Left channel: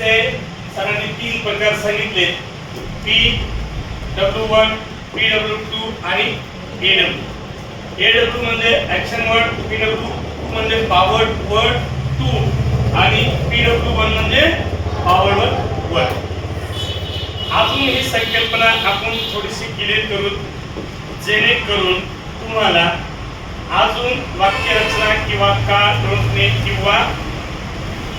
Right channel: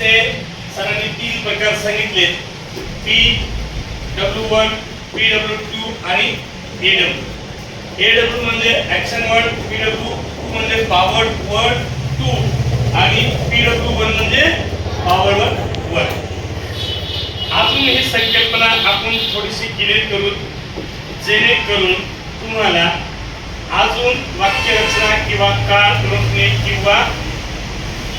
चे सरांनी 3 प्रकार सांगितले, PW1, PW2 आणि AW. AW म्हणजे ऍक्शन वर्ड, PW2 म्हणजे पॉवर वर्ड 2 आणि PW1 म्हणजे पॉवर वर्ड 1. अजून ही संकल्पना आपण थोडीशी क्लिअर करून जेणेकरून तुम्हाला अजून वाक्यरचना किंवा काळ ओळखणे किंवा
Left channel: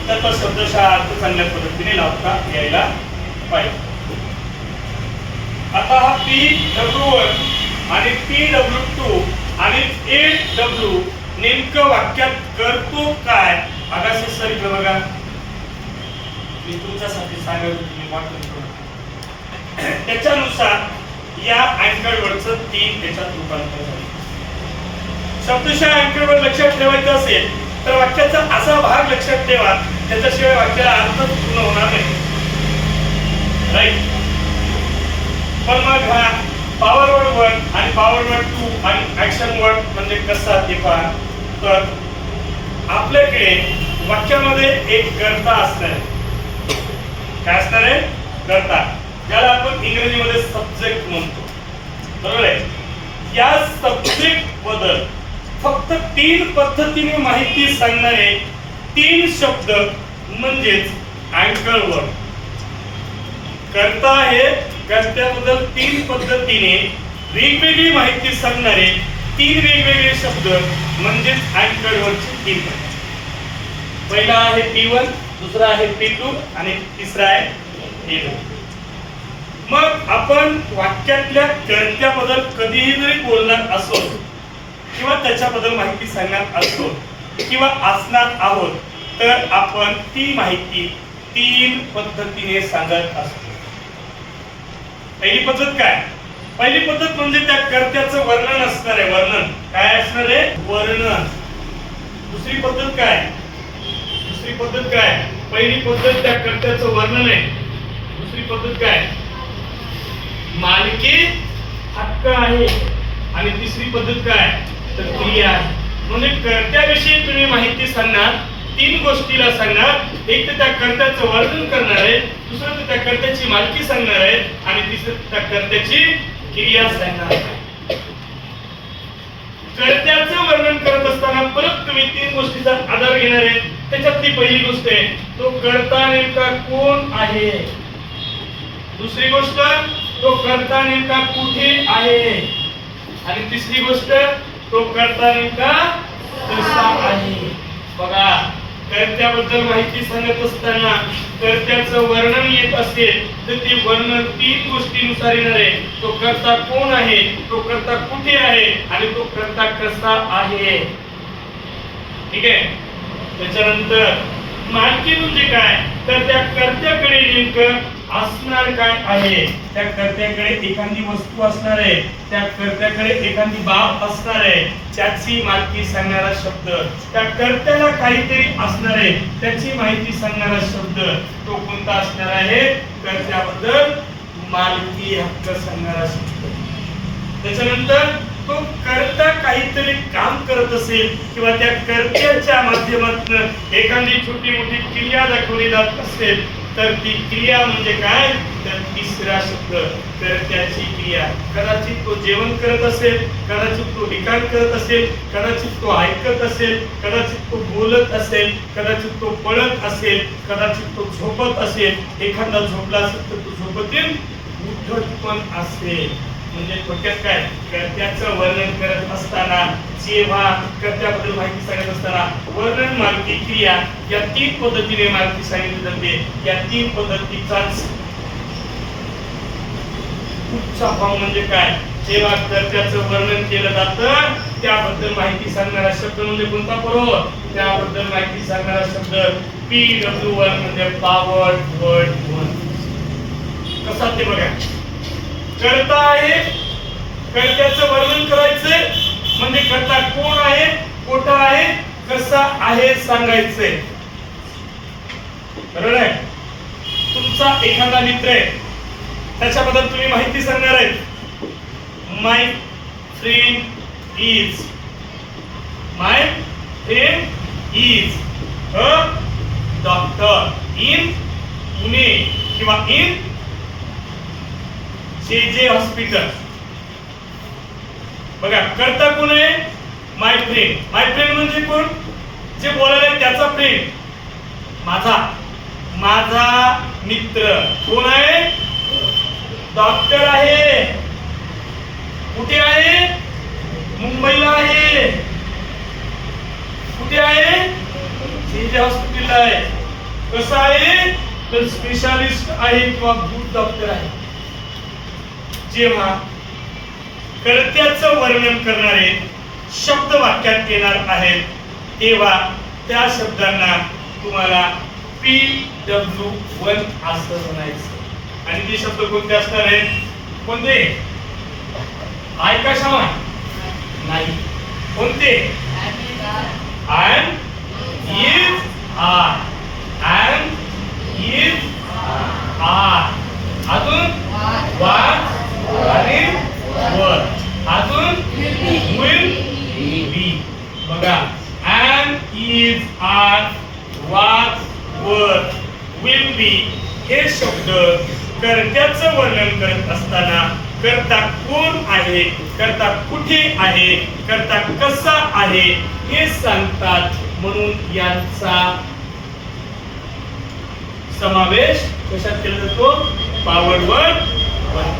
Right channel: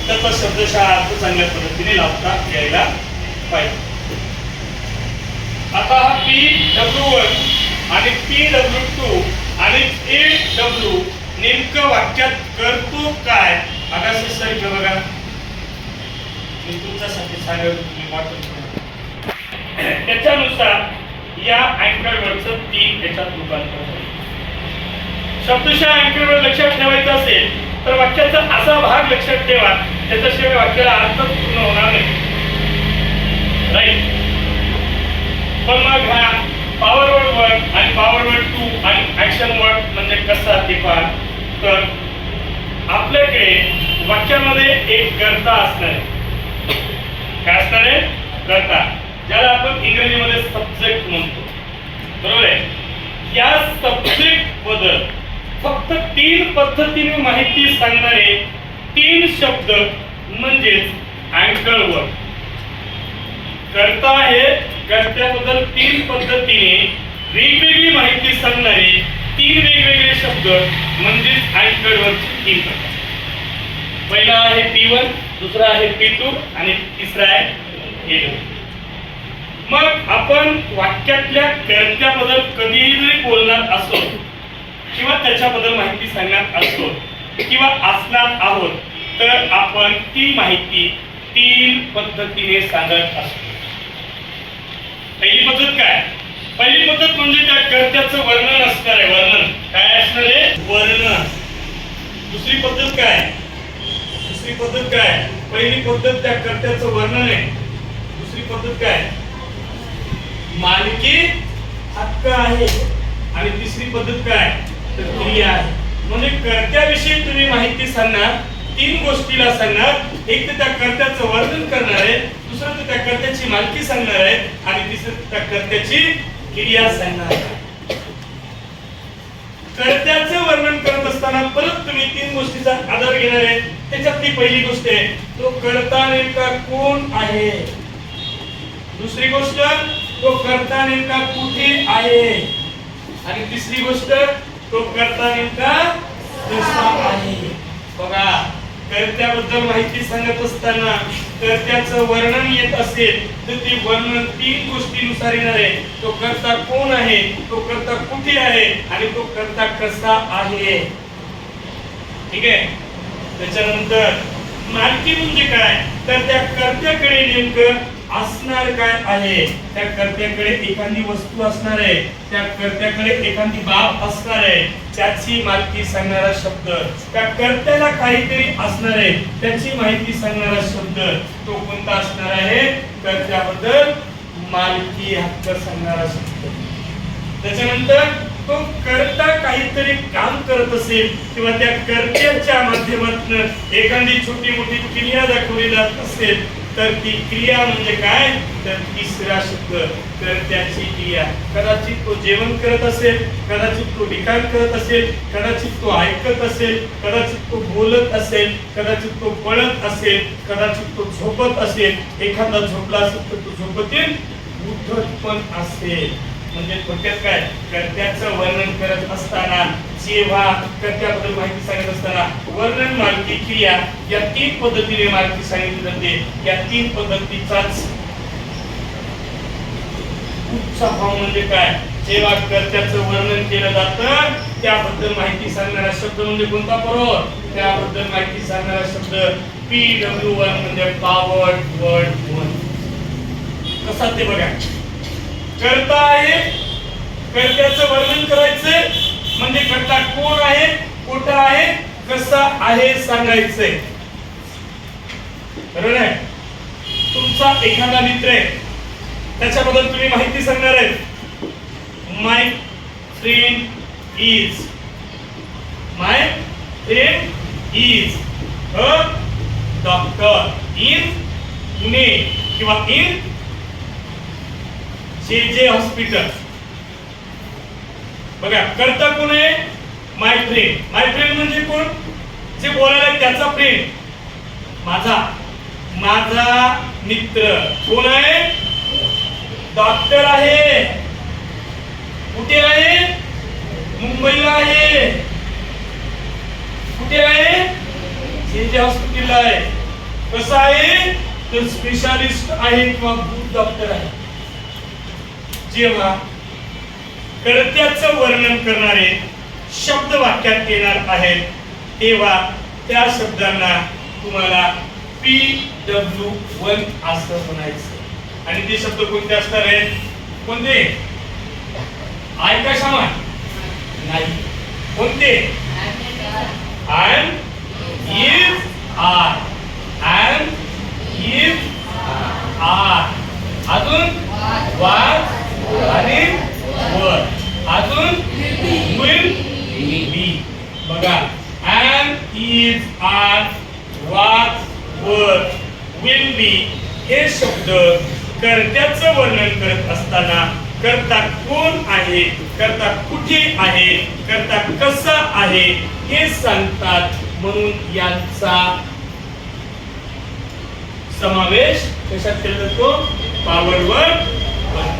त्याचा शब्दशः अर्थ चांगल्या पद्धतीने लावता यायला पाहिजे. आता हा PW1 आणि PW2 आणि AW नेमकं वाक्यात करतो काय? अगाशी सर इकडे बघा, मी तुमच्यासाठी सांगेल, तुम्ही वाटून त्याच्यानुसार या अँकर वर्डचं 3 याच्यात रूपांतर होईल. शब्दशः अँकर वर्ड लक्षात ठेवायचं असेल तर वाक्याचा असा भाग लक्षात ठेवा त्याच्याशिवाय वाक्याला अर्थ पूर्ण होणार नाही. राईट. पण मग हा पॉवर वर्ड आणि पॉवर वर्ड 2 आणि ऍक्शन वर्ड म्हणजे कसा ते पहा. तर आपल्याकडे वाक्यामध्ये एक कर्ता असणार आहे. काय असणार आहे? कर्ता, ज्याला आपण इंग्रजीमध्ये सब्जेक्ट म्हणतो. बरोबर आहे. या सब्जेक्ट बद्दल फक्त 3 पद्धतीने माहिती सांगणारे 3 शब्द म्हणजेच अँकर वर्ड. कर्ता आहे, कर्त्याबद्दल 3 पद्धतीने वेगवेगळी माहिती सांगणारे 3 वेगवेगळे शब्द म्हणजेच अँकर वर्डचे 3 प्रकार. पहिला आहे P1, दुसरा आहे P2 आणि तिसरा आहे AW. मग आपण वाक्यातल्या कर्त्याबद्दल कधीही बोलणार असो किंवा त्याच्याबद्दल माहिती सांगणार असो किंवा असणार आहोत तर आपण ती माहिती 3 पद्धतीने सांगत असतो. पहिली पद्धत काय? पहिली पद्धत म्हणजे त्या कर्त्याचं वर्णन असणार आहे. वर्णन काय असणार आहे? वर्णन. दुसरी पद्धत काय? दुसरी पद्धत काय? पहिली पद्धत त्या कर्त्याचं वर्णन आहे. दुसरी पद्धत काय? मालकी हक्क आहे. आणि तिसरी पद्धत काय? तर क्रिया आहे. म्हणजे कर्त्याविषयी तुम्ही माहिती सांगणार, 3 गोष्टीला सांगणार. एक तर त्या कर्त्याचं वर्णन करणार आहे, दुसरं तर त्या कर्त्याची मालकी सांगणार आहे आणि तिसरं त्या कर्त्याची क्रिया सांगणार आहे. कर्त्याचं वर्णन करत असताना परत तुम्ही 3 गोष्टीचा आधार घेणार आहे. त्याच्यातली पहिली गोष्ट आहे तो कर्ता नेमका कोण आहे. दुसरी गोष्ट तो कर्ता नेमका कुठे आहे. आणि तिसरी गोष्ट तो कर्ता नेमका कसा आहे. बघा, कर्त्याबद्दल माहिती सांगत असताना कर्त्याचं वर्णन येत असेल तर ते वर्णन 3 गोष्टींनुसार येणार आहे. तो कर्ता कोण आहे, तो कर्ता कुठे आहे आणि तो कर्ता कसा आहे. ठीक आहे. त्याच्यानंतर मालकी म्हणजे काय? तर त्या कर्त्याकडे नेमकं असणार काय आहे. त्या कर्त्याकडे एखादी वस्तू असणार आहे, त्या कर्त्याकडे एखादी बाब असणार आहे, त्याची माहिती सांगणारा शब्द. त्या कर्त्याला काहीतरी असणार आहे, त्याची माहिती सांगणारा शब्द तो कोणता असणार आहे? कर्त्याबद्दल मालकी हक्क सांगणारा शब्द. त्याच्यानंतर तो कर्ता काहीतरी काम करत असेल किंवा त्या कर्त्याच्या माध्यमातून एखादी छोटी मोठी क्रिया दाखवली जात असेल तर ती क्रिया म्हणजे काय? तर तिसरा शब्द कर्त्याची क्रिया. कदाचित तो जेवण करत असेल, कदाचित तो लिखाण करत असेल, कदाचित तो ऐकत असेल, कदाचित तो बोलत असेल, कदाचित तो पळत असेल, कदाचित तो झोपत असेल. एखादा झोपला असेल तर तो झोपतील उठत पण असेल. म्हणजे थोडक्यात काय? कर्त्याचं वर्णन करत असताना जेव्हा कर्त्याबद्दल माहिती सांगत असताना वर्णन, मालकी, क्रिया या 3 पद्धतीने माहिती सांगितली जाते. या 3 पद्धतीचाच उच्च भाव म्हणजे काय? जेव्हा कर्त्याचं वर्णन केलं जातं त्याबद्दल माहिती सांगणारा शब्द म्हणजे कोणता? बरोबर, त्याबद्दल माहिती सांगणारा शब्द PW1 म्हणजे पॉवर वर्ड 1. कसा ते बघा. कर्ता आहे, कर्त्याचं वर्णन करायचंय म्हणजे कर्ता कोण आहे, कुठं आहे, कसा आहे सांगायचंय. बरोबर आहे. तुमचा एखादा मित्र आहे, त्याच्याबद्दल तुम्ही माहिती सांगणार आहे. My friend is a doctor in Pune किंवा इन जे हॉस्पिटल. बघा कर्ता कोण आहे? My friend. माय फ्रेंड म्हणजे कोण? जे बोलायला आहे त्याचा फ्रेंड, माझा मित्र. कोण आहे? डॉक्टर आहे. कुठे आहे? मुंबईला आहे. कुठे आहे? जे हॉस्पिटलला आहे. कसं आहे? तर स्पेशालिस्ट आहे किंवा गुड डॉक्टर आहे. जेव्हा कर्त्याचं वर्णन करणारे शब्द वाक्यात येणार आहेत तेव्हा त्या शब्दांना तुम्हाला PW1 असं म्हणायचं. आणि ते शब्द कोणते असणार आहेत? कोणते? आय का क्षमा नाही. कोणते? and is are and is are. अजून was आणि were. अजून will be. बघा and is are was were will be हे शब्द कर्त्याचं वर्णन करत असताना कर्ता कोण आहे, कर्ता कुठे आहे, कर्ता कसा आहे हे सांगतात. म्हणून यांचा समावेश कशात केला जातो? Power word 1.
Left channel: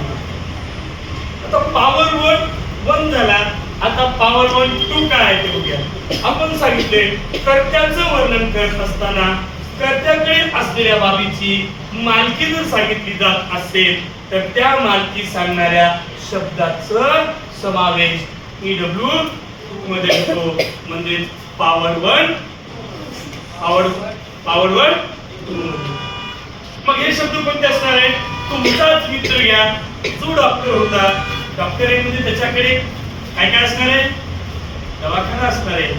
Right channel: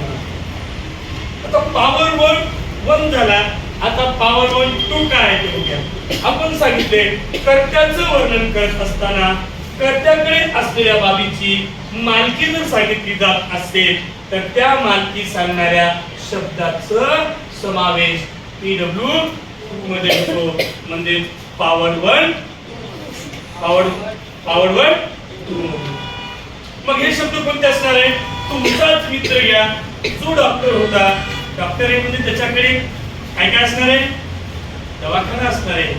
आता पॉवर वर्ड 1 झाला. आता पॉवर वर्ड 2 काय आहे ते बघूया. आपण सांगितले कर्त्याचं वर्णन करत असताना कर्त्याकडे असलेल्या बाबीची मालकी जर सांगितली जात असेल तर त्या मालकी सांगणाऱ्या शब्दाचा समावेश PW2 मध्ये होतो. म्हणजे पॉवर वर्ड 2. मग हे शब्द कोणते असणार आहे? तुमचाच मित्र घ्या जो डॉक्टर होता. डॉक्टर आहे म्हणजे त्याच्याकडे काय काय असणार आहे? दवाखाना असणार आहे,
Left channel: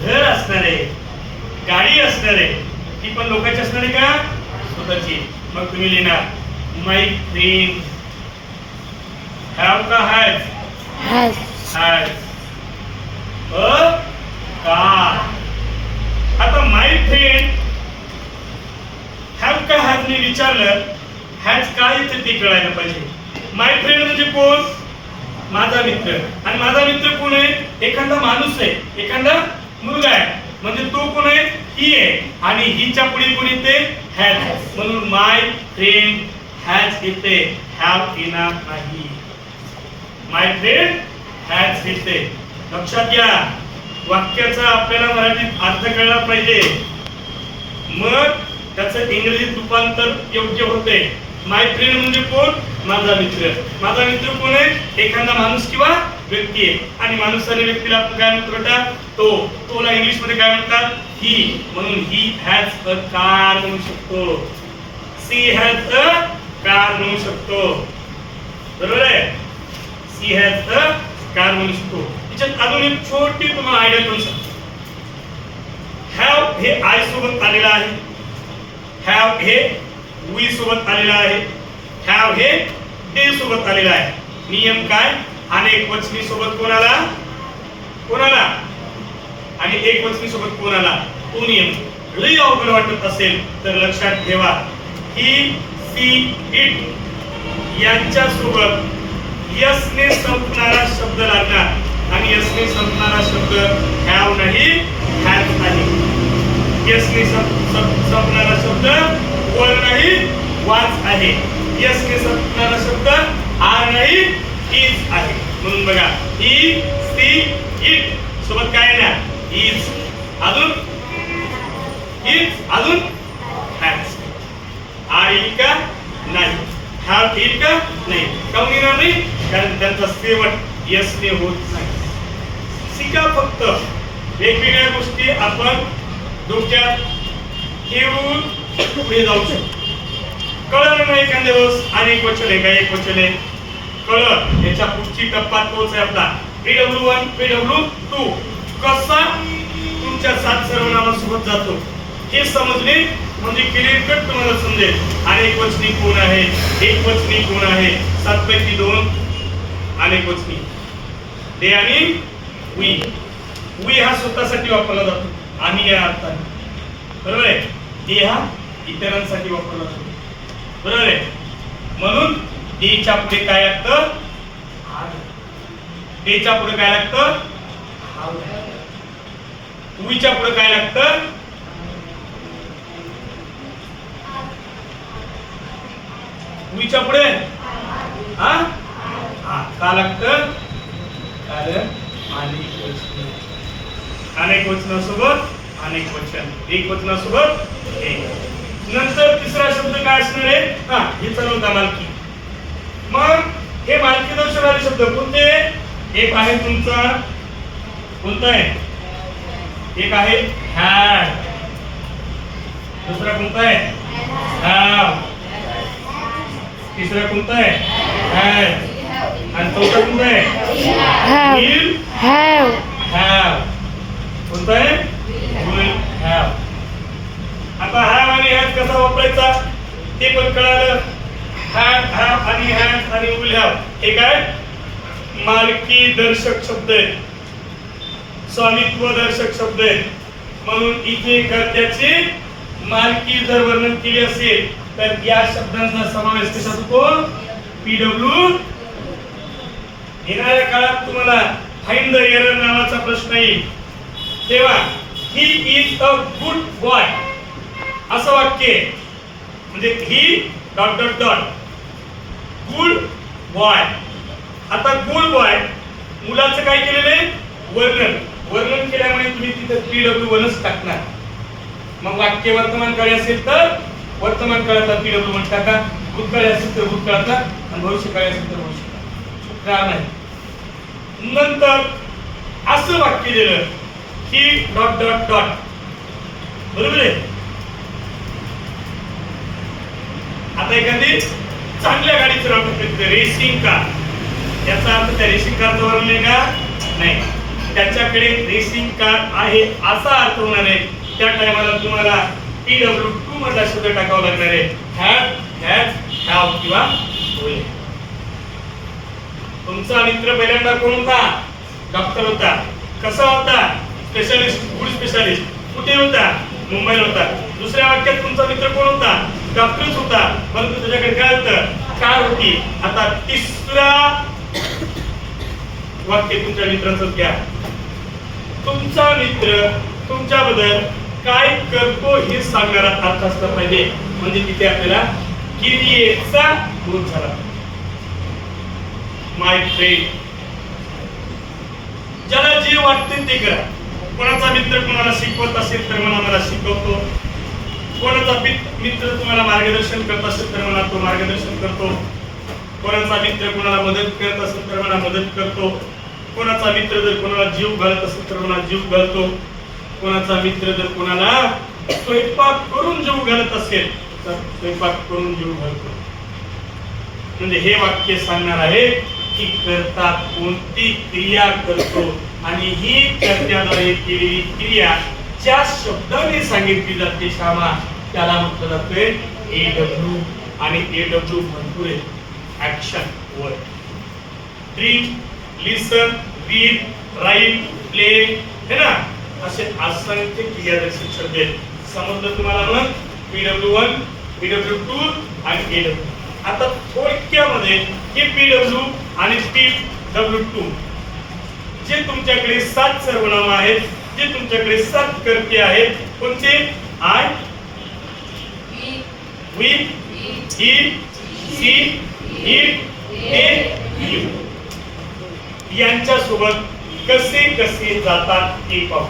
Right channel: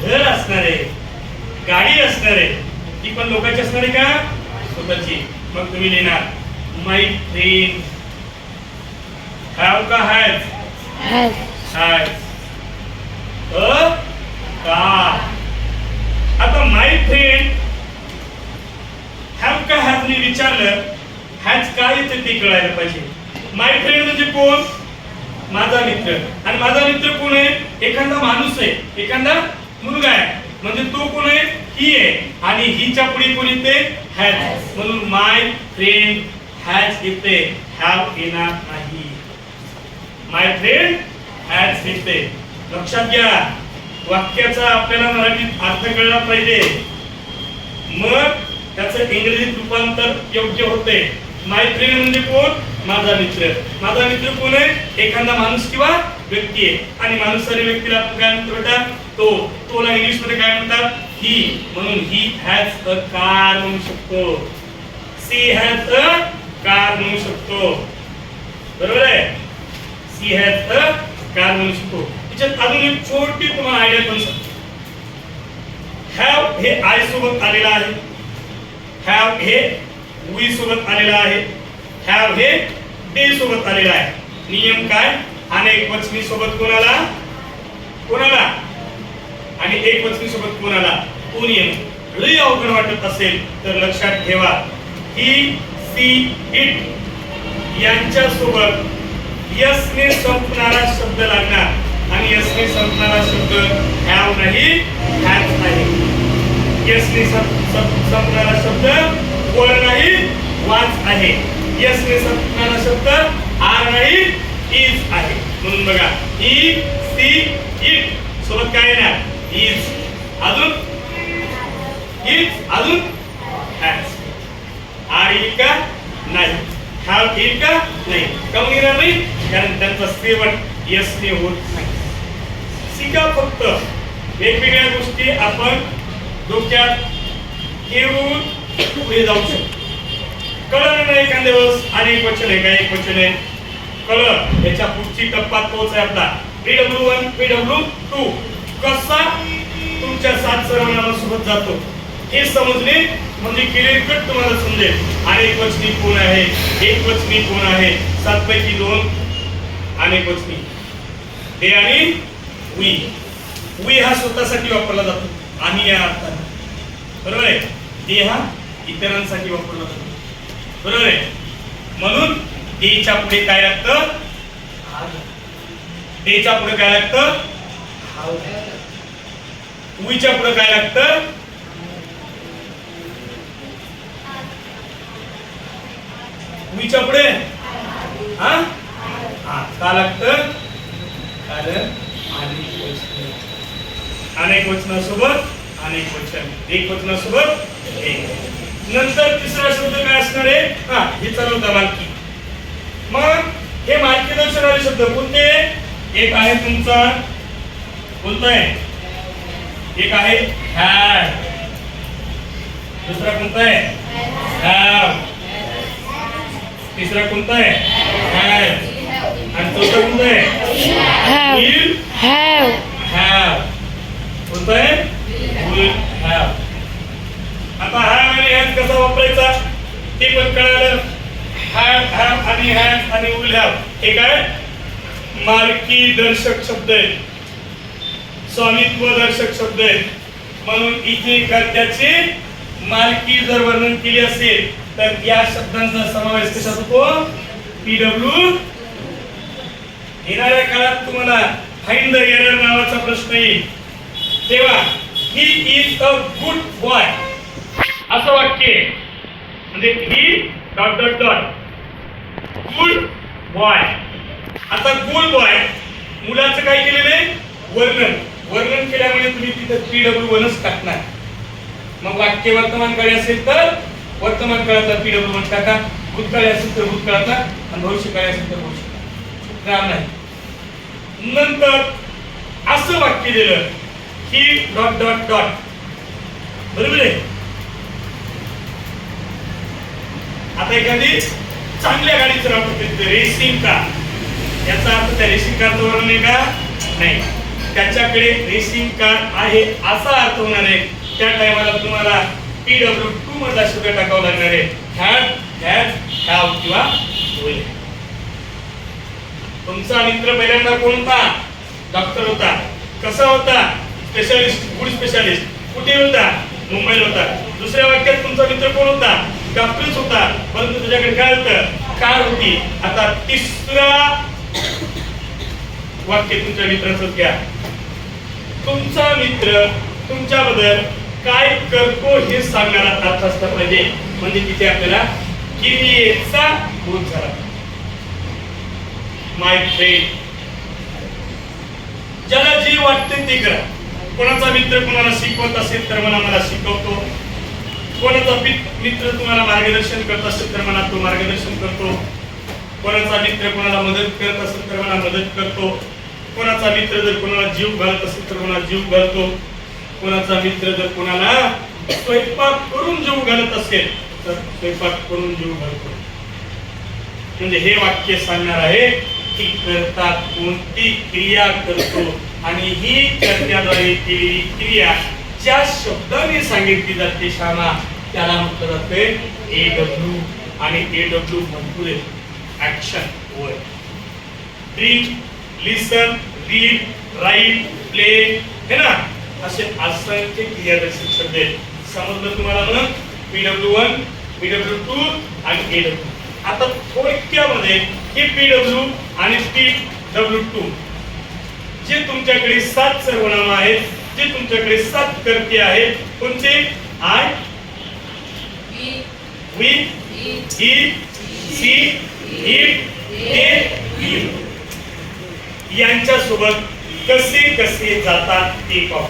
घर असणार आहे, गाडी असणार आहे. ती पण लोकांची असणार आहे का? स्वतःची. मग तुम्ही लिहिणार माय फ्रेंड हॅव का हॅज? Has a car. आता माय फ्रेंड हॅव का हॅज ने विचारलं, हॅज काय येते ते कळायला पाहिजे. माय फ्रेंड म्हणजे कोण? माझा मित्र. आणि माझा मित्र कोण आहे? एखादा माणूस आहे, एखादा मुलगा आहे. म्हणजे तो कोण आहे? ही आहे. आणि हिच्या पुढे कोण येते? हॅज. म्हणून माय फ्रेंड हॅज येते, हॅव येणार नाही. माय फ्रेंड हॅज येते. लक्षात घ्या, वाक्याचा आपल्याला मराठीत अर्थ कळला पाहिजे, मग त्याचं इंग्रजीत रूपांतर योग्य होते. माय फ्रेंड म्हणजे कोण? माझा मित्र. माझा मित्र कोण आहे? एखादा माणूस किंवा व्यक्ती आहे. आणि माणूस आणि व्यक्तीला आपण काय म्हणतो? तोला इंग्लिश मध्ये काय म्हणतात? ही. म्हणून ही हॅज अ कार म्हणू शकतो. सी हॅज अ कार म्हणू शकतो. बरोबर आहे? सी हॅज अ कार म्हणू शकतो. त्याच्यात अजून एक छोटी तुम्हाला आयडिया करू शकतो. हॅव हे आय सोबत आलेला आहे. हॅव हे वी सोबत आलेला आहे. हॅव हे डे सोबत आलेला आहे. नियम काय? अनेक वचनी सोबत कोणाला? आणि एक वचनी सोबत कोणाला? तो नियम. लई अवघड वाटत असेल तर लक्षात ठेवा, ही सी इट यांच्या सोबत यस ने संपणारा शब्द लागणार. आणि यस ने संपणारा शब्द हॅव नाही, हॅज नाही. यस ने संपणारा शब्द वर नाही, वाज आहे. यस ने संपणारा शब्द आर नाही, इज आहे. म्हणून बघा, ही सी इट सोबत काय ना? इज. अजून इज, अजून हॅज. आर येईल का? नाही. हॅव येईल का? नाही. काऊन येणार नाही? कारण त्यांचा शेवट यस ने होत नाही. शिका फक्त वेगवेगळ्या गोष्टी आपण डोक्यात घेऊन पुढे जाऊ शकतो. कळलं नाही एखाद्या वेळेस अनेक वचन आहे का एक वचन आहे कळलं. याच्या पुढची टप्पा तोच आहे आपला PW1 PW2. कसा तुमच्या 7 सर्वनामासोबत जातो हे समजणे म्हणजे क्लिअर कट तुम्हाला समजेल. अनेक वचनी कोण आहे, एक वचनी कोण आहे, 7 पैकी 2 अनेक वचनी. ते आणि वी. वी हा स्वतःसाठी वापरला जातो, आम्ही या अर्थाने. बरोबर आहे? ते हा इतरांसाठी वापरला जातो. बरोबर आहे. म्हणून डेच्या पुढे काय लागतं? डेच्या पुढे काय लागतं? उईच्या पुढे काय लागतं? उईच्या पुढे हा का लागतं? अनेक वचनासोबत अनेक वचन, एक वचनासोबत एक. नंतर तिसरा शब्द काय असणार आहे? हे चालवता मालकी. मग हे मालकी दर्शवणारे शब्द कोणते? एक आहे तुमचा, कोणता आहे? एक आहे हॅड. दुसरा कोणता आहे? हॅव. तिसरा कोणता आहे? हॅड. आणि चौथा कोणता आहे? Will have. हॅव कोणता आहे? Will have. आता हॅव आणि हॅज कसा वापरायचा ते पण कळालं. हॅव आणि हॅज आणि विल हॅव हे काय? मालकी दर्शक शब्द आहेत, स्वामित्व दर्शक शब्द आहेत. म्हणून इथे कर्त्याची मालकी जर वर्णन केली असेल तर या शब्दांचा समावेश कशात होतो? पीडब्ल्यू. येणाऱ्या काळात तुम्हाला फाइंड द एरर नावाचा प्रश्न येईल तेव्हा he is a good boy असं वाक्य आहे. म्हणजे he dot dot dot good boy. आता गुड बॉय मुलाचं काय केलेलं आहे? वर्णन केल्यामुळे तुम्ही तिथं पीडब्ल्यू वनच टाकणार. मग वाक्य वर्तमान काळी असेल तर वर्तमान काळाचा पीडब्ल्यू वन टाका, भूतकाळी असेल तर भूतकाळाचा आणि भविष्यकाळी असेल तर भविष्यकाळ. नाही. नंतर असं वाक्य दिलं की डॉट डॉट डॉट. बरोबर आहे. आता एखादी चांगल्या गाडीचं नाव रेसिंग कार, याचा अर्थ त्या रेसिंग कारचं वर्णन आहे का? नाही. त्याच्याकडे रेसिंग कार आहे असा अर्थ होणार आहे. त्या टायमाला तुम्हाला पीडब्ल्यू2 मधला शब्द टाकावा लागणार आहे. हॅड, हॅज, हॅव किंवा विल. तुमचा मित्र पहिल्यांदा कोण होता? डॉक्टर होता. कसा होता? Specialist, good specialist. कुठे होता? मुंबईला होता. दुसऱ्या वाक्यात तुमचा मित्र कोण होता? डॉक्टरच होता, परंतु तुझ्याकडे काय होतं? कार होती. आता तिसरा वाक्य तुमच्या मित्राचं घ्या. तुमचा मित्र तुमच्याबद्दल काय करतो हे सांगणारा अर्थ असला पाहिजे. म्हणजे तिथे आपल्याला क्रियेचा बोध झाला. माय फ्रेंड. ज्याला जे वाटते ते करा. कोणाचा मित्र तुम्हाला शिकवत असेल तर मला शिकवतो. कोणाचा मित्र तुम्हाला मार्गदर्शन करत असेल तर मला तो मार्गदर्शन करतो. कोणाचा मित्र कोणाला मदत करत असेल तर मला मदत करतो. कोणाचा मित्र जर कोणाला जीव घालत असेल तर मला जीव घालतो. कोणाचा मित्र जर कोणाला स्वयंपाक करून जीव घालत असेल तर स्वयंपाक करून जीव घालतो. म्हणजे हे वाक्य सांगणार आहे की कर्ता कोणती क्रिया करतो आणि ही कर्त्याद्वारे केलेली क्रिया ज्या शब्दाने सांगितली जाते श्यामा त्याला म्हटलं जाते एडब्ल्यू. आणि एडब्ल्यू म्हणजे ऍक्शन वर्ड. ड्रीम, लिसन, रीड, राईट, प्ले हे ना असे असंख्य क्रियादर्शक शब्द आहेत. समजलं तुम्हाला ना? पीडब्ल्यू1, पीडब्ल्यू2 आणि एडब्ल्यू. आता थोडक्यामध्ये हे पीडब्ल्यू आणि पीडब्ल्यू2 जे तुमच्याकडे 7 सर्वनाम आहेत, जे तुमच्याकडे 7 कर्ते आहेत. कोणते? I, we, he, she, it, they, you. यांच्या सोबत कसे कसे जातात ते पाहू.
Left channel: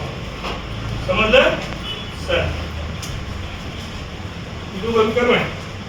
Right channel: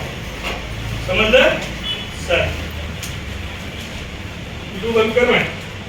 समजलं? सर बंद कर.